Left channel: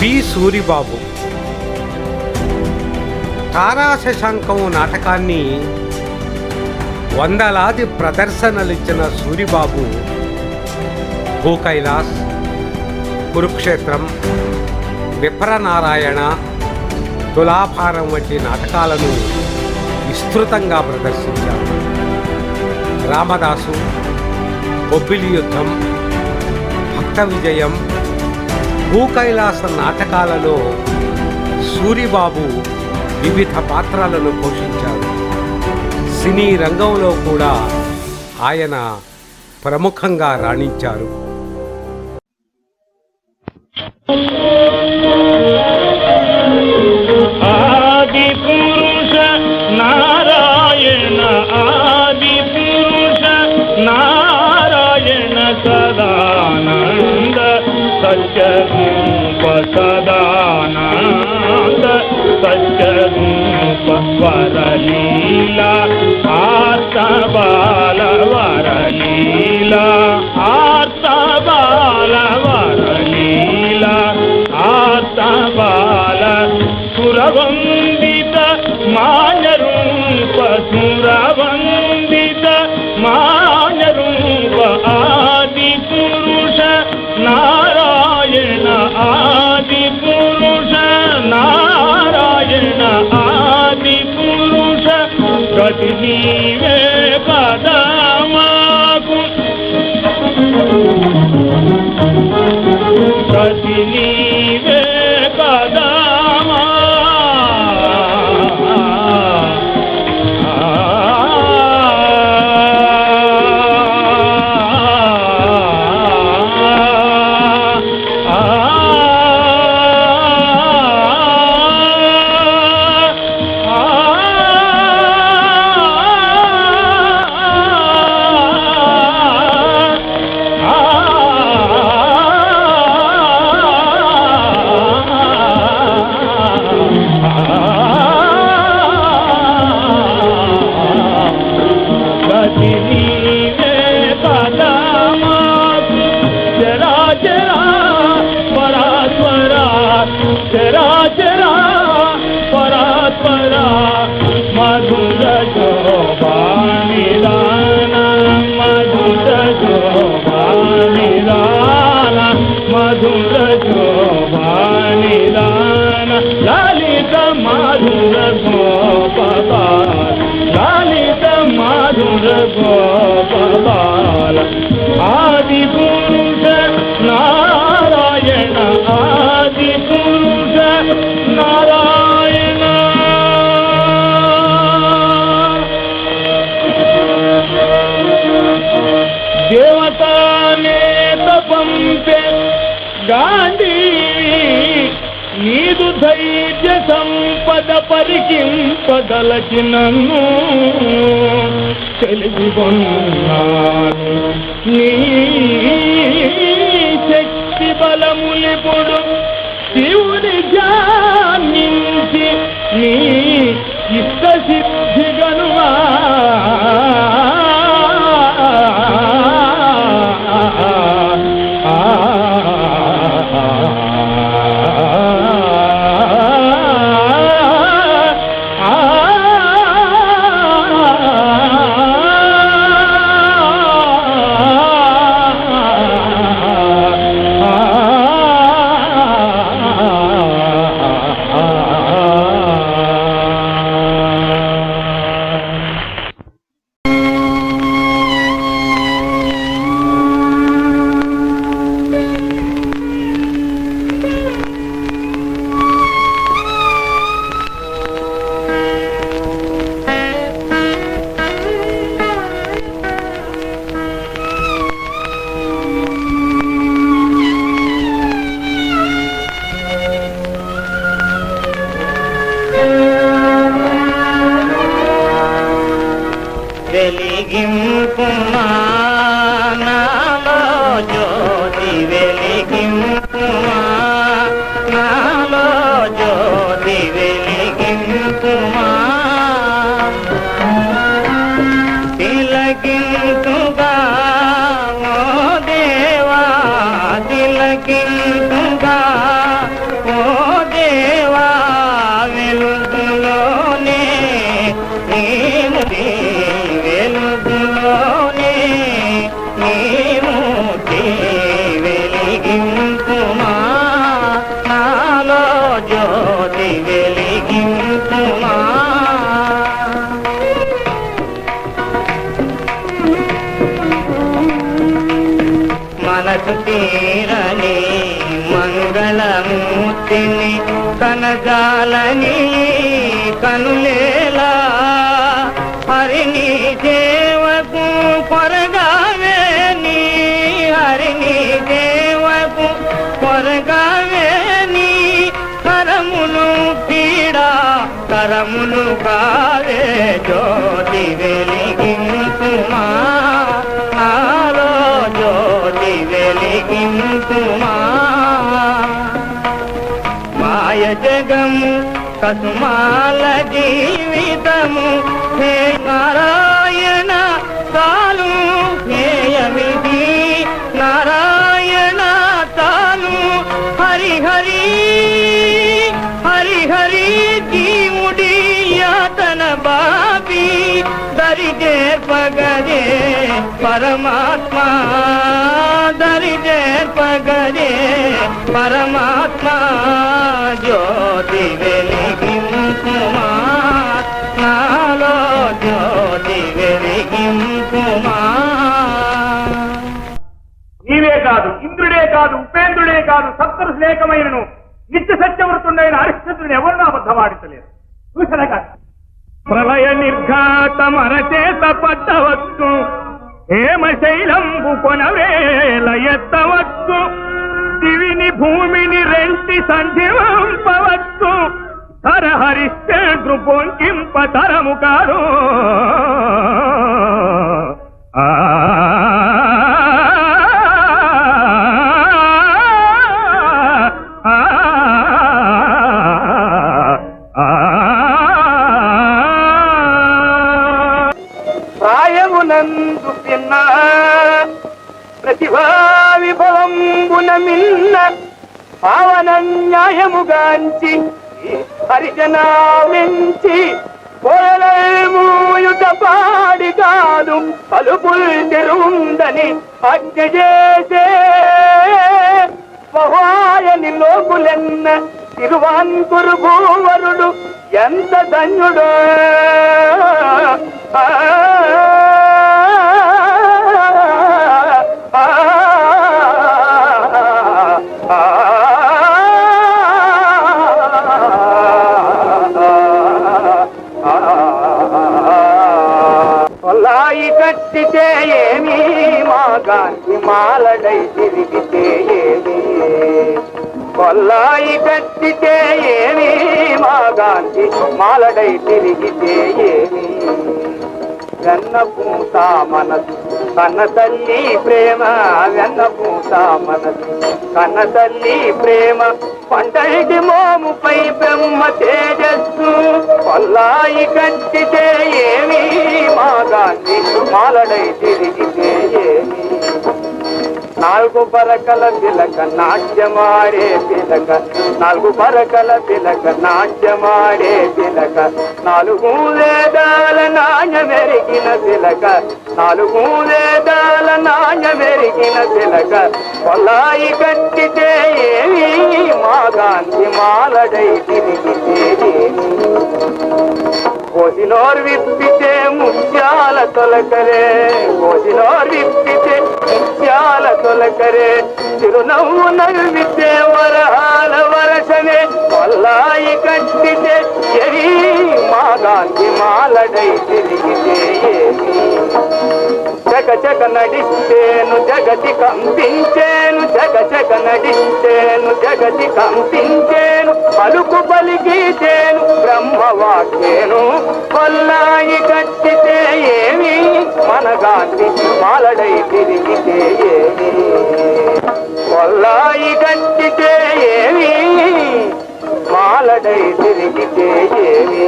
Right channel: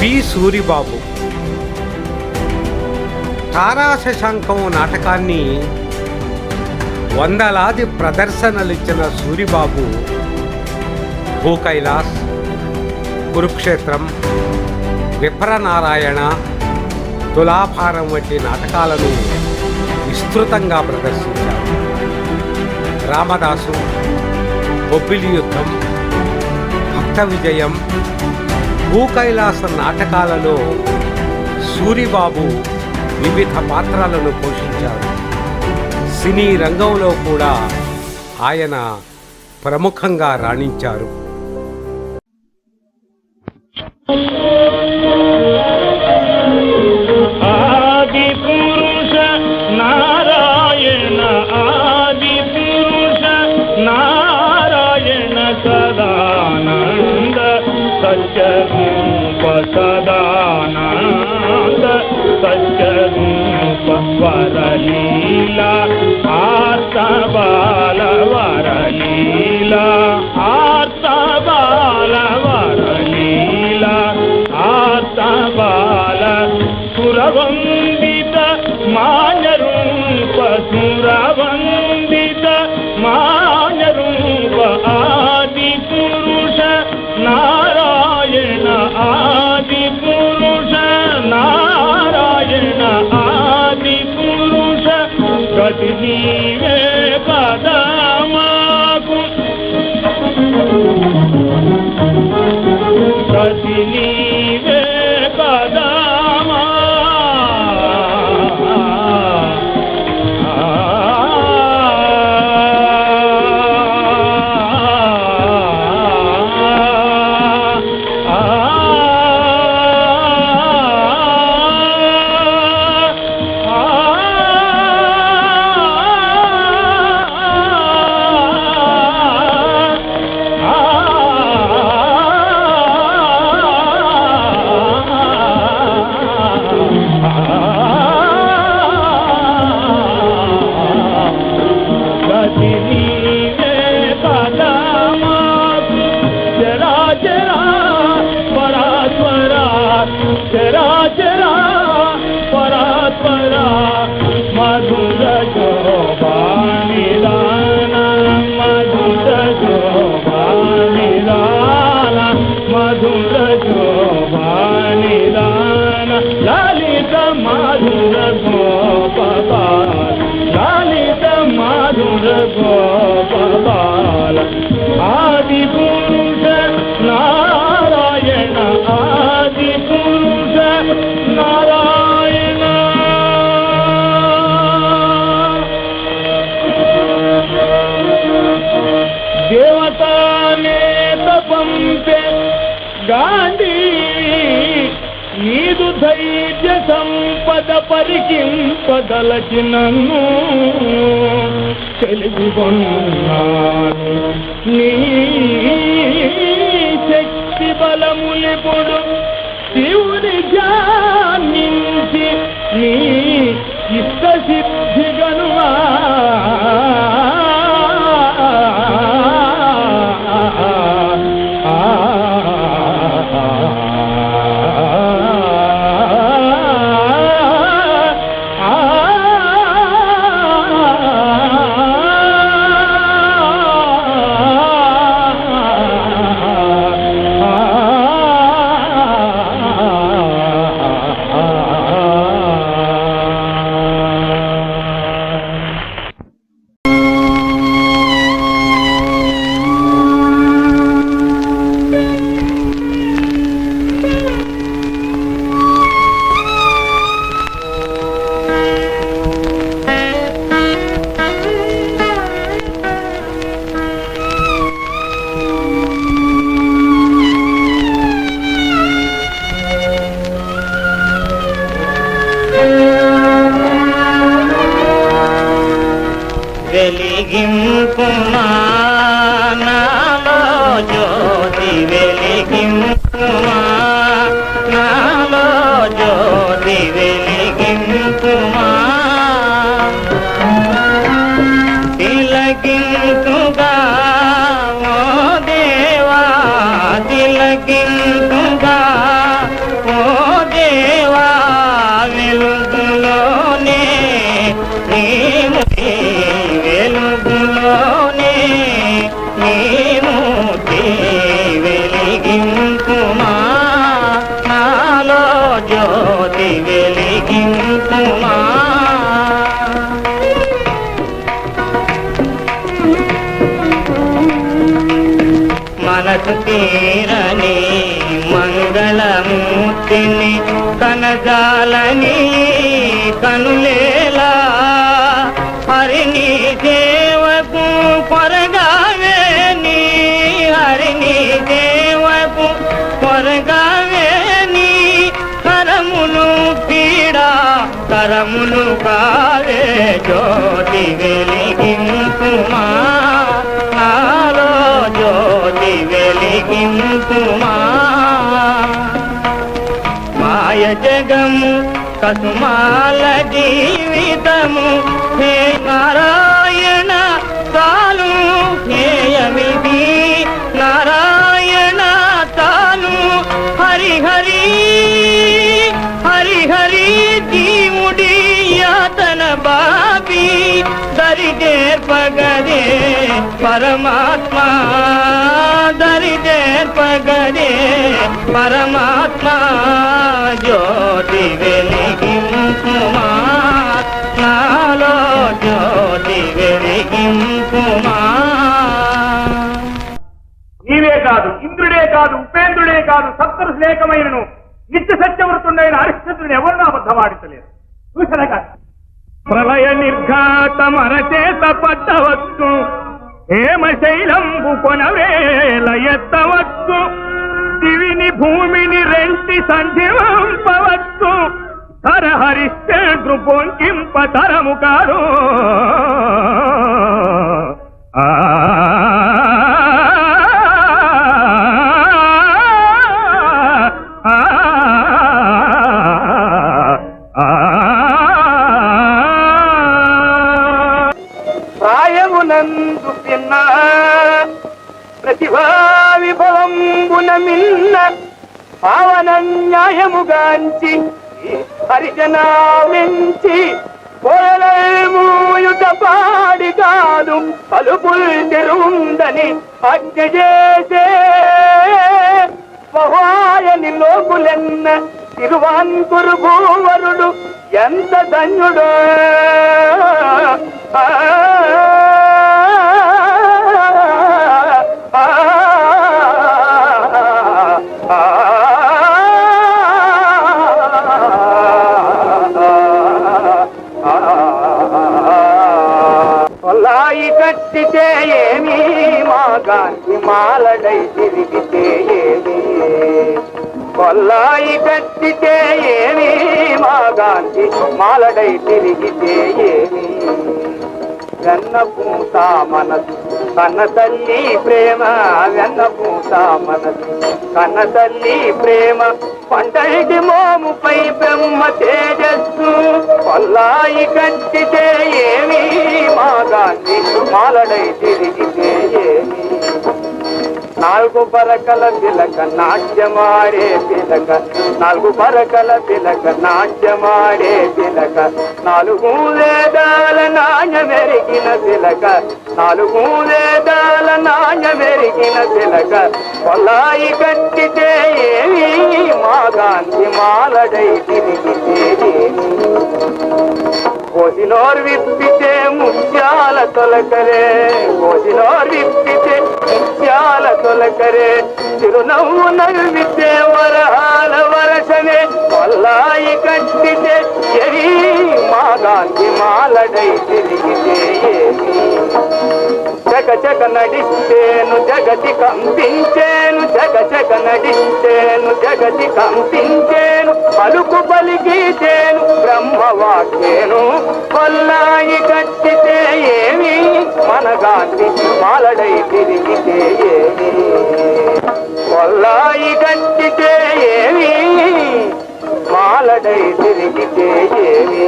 P Suribabu తారా శశాంకం నాటకాన్ని వందలాది ప్రదర్శనలిచ్చిన సూరిబాబు భూకైలాస్, కురుక్షేత్రం, విప్రనారాయణ, తులాభారం వంటి నాటకాలను విస్తృతంగా ప్రదర్శించారు. రామదాసు, బొబ్బిలి యుద్ధం, భక్త విజయం, భూకైలాస నాటకాలలో సూరిబాబు వివిధ పాత్రలను పోషించారు. సినీ రంగంలో కూడా ఆయన ప్రముఖంగా రాణించారు. ఆది పురుష నారాయణ, ఆది పురుష నారాయణ, సదానంద సత్యరూప, సదానంద సత్యరూప, వరలీలా ఆర్త బాల వరలీలా, ఆర్త బాల వరలీలా, ఆర్త బాల సురవందిత మాన్యరూప, సురవందిత మాన్యరూప, ఆది పురుష నారాయణ, ఆది పురుష నారాయణ, ఆది పురుష గతి నీవే పదమాకు, గతి నీవే పదమా, చరాచరా పరాత్పరా మధుర శోభానిదాన, మధుర శోభానిదాన, మధుర శోభానిదాన, లలిత మధుర గోపబాల, లలిత మధుర గోపబాల, ఆది పురుష నారాయణ, ఆది పురుష నారాయణ. దేవతానేత పంపే గాంధీ, నీదు ధైర్య సంపద పరికింపదలచి నన్ను తెలివి కొన్నాను, నీ శక్తి బలములిపుడు శివుని ధ్యానించి నీ ఇష్ట సిద్ధి గనుమా, హరిని కనజాలని కనులేలా హరిని దేవకు కొరగావేని హరిని దేవకు కొరగావేని కరమును పీడా కరమును కావే జ్యోతి వెలిగింపుమా నాలో జ్యోతి వెలిగింపుమా మాయ జగము కసుమాల జీవితము హే నారాయణ తాను హేయమిది నారాయణ తాను హరి హరి హరి హరి జీవుడి యాతన బాబి దరిదే పగదే పరమాత్మ దరిదే పగదే పరమాత్మ జ్యోతి వెలిగింపుమా నాలో జ్యోతి వెలిగింపుమా నీవే కాదు ఇంద్రుడే కాదు ఉపేంద్రుడే కాదు సప్తరుషులేకమైనను నిత్య సత్యవృతుండైన హరిశ్చంద్రుని ఎవరిని అబద్ధమాడించలేదు చూసనగా ప్రళయ నిర్ఘాతమరచేత పట్టవచ్చు హేమశైలంబు కొనవేల ఎత్తవచ్చు దివిని భూమిని రెంటి సంధింపవచ్చు ధర హరిశ్చంద్రు పొంకింప తరము కాదు ప్రాయమునందు పిన్న ప్రతిభా విభవంబున మిన్న పావన న్యాయముగాంచి హరిజనామించి పోలమూయుట పాడి కాదు పలుపుల్ తెరుందని ఆజ్ఞ చేసే మహాయని లోకులెన్న తిరువాంకురు భూవరుడు ఎంత ధన్యుడో కొల్లాయి కట్టితే ఏమి మా గాంధీ మాలడై తిరిగితే ఏమి కొల్లాయి కట్టితే ఏమి మా గాంధీ మాలడై తిరిగితే ఏమి వెన్న పూత మనసు కన్న తల్లి ప్రేమ వెన్న పూత మనసు కన్న తల్లి ప్రేమ పంటటి మోముపై బ్రహ్మ తేజస్సు కొల్లాయి కట్టితే ఏమి మా గాంధీ మాలడై తిరిగితే ఏమి నాలుగు పరకల తిలక నాట్యమాడే తిలక నాలుగు పరకల తిలక నాట్యమాడే తిలక నాలుగు వేదాల నాణ్యమెరిగిన తిలక నాలుగు వేదాల నాణ్యమెరిగిన తిలక కొల్లాయి కట్టితే ఏమి మా గాంధీ మాలడై తిరిగితే ఏమి కోసినోర్ విప్పితే ముత్యాల తొలకరే కోసినోర్ విప్పితే ముత్యాల తొలకరే చిరునవ్వు నవ్వితే వరహాల వరసనే కొల్లాయి కట్టితే ఎరి మా గాంధీ మాలడై తిరిగితే ఏమి చక చక నడిస్తేను జగతి కంపించేను చక చక నడిస్తేను జగతి కంపించేను పలుకు పలికితేను బ్రహ్మవాక్యేను కొల్లాయి కట్టితే ఏమి మన గాంధీ మాలడై తిరిగితే ఏమి కొల్లాయి కట్టితే ఏమి మాలడై తిరిగితే ఏమి